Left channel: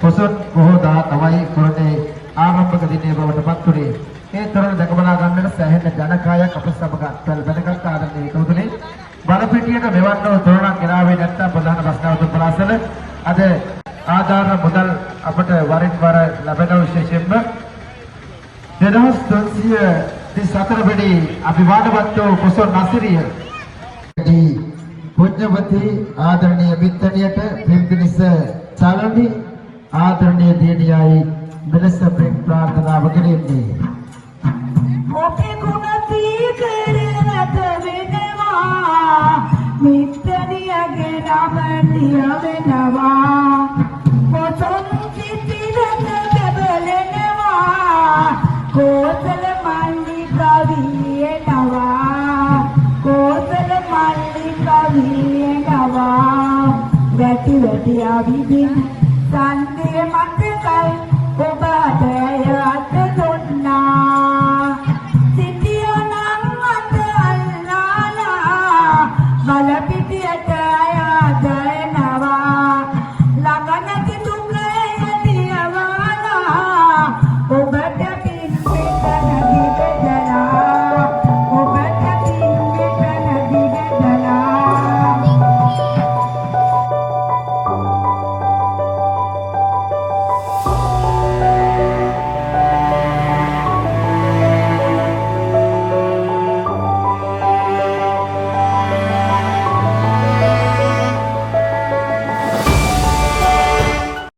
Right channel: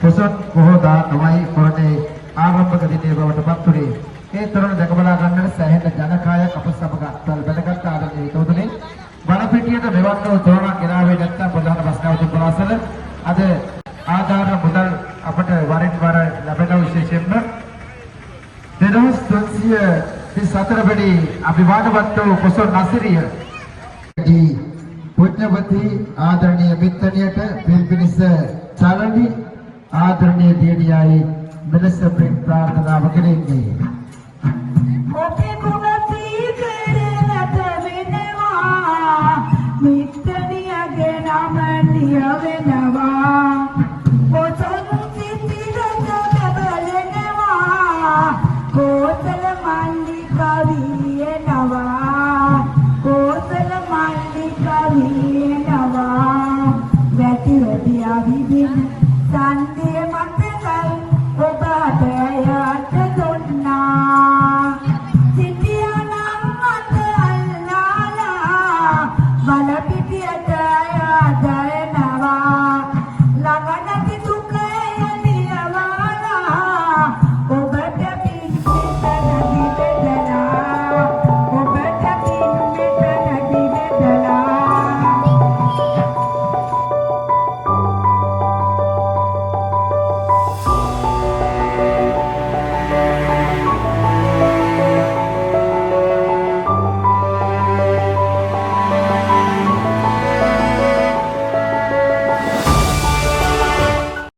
පොසොන් බොහෝ දා තමයි කොරණේ ආරම්භක දිනේ බවට පත් වුණේ. මේ තරම දැක බලා ගන්නට සෑහෙන ජනකායක් අප සමග දැනගත් ආදරණීය කවුරුනේ බලපිටියට මෙවන්නව තෝරණක් ගෙනාවේ නැත්නම් ප්‍රධාන බස්නාවතුන් පලාසල අද ආදාන මුදල් අපට වරින් වර ලැබෙන විශේෂයෙන්ම 2334 වෙනි අභිවාදනවත් පොසොන් නසරිය පුණ්‍යවති ආදරණීය මිත්තණියට පිළිපිනිස සාරණි ආදරණීය දියණියයි මෙලෙස ප්‍රාර්ථනාව කෙරෙන්නේ. ඔබේ ගුණ තීකරණත වෙනවා මිත්තණියගේ නම ලියවෙනවා පොසොන් සිතිරට බලනවා කෝසල මල්ලිකවියනවා කෝසල මල්ලිකවියනවා වැටි වැටි අවිදින් සන්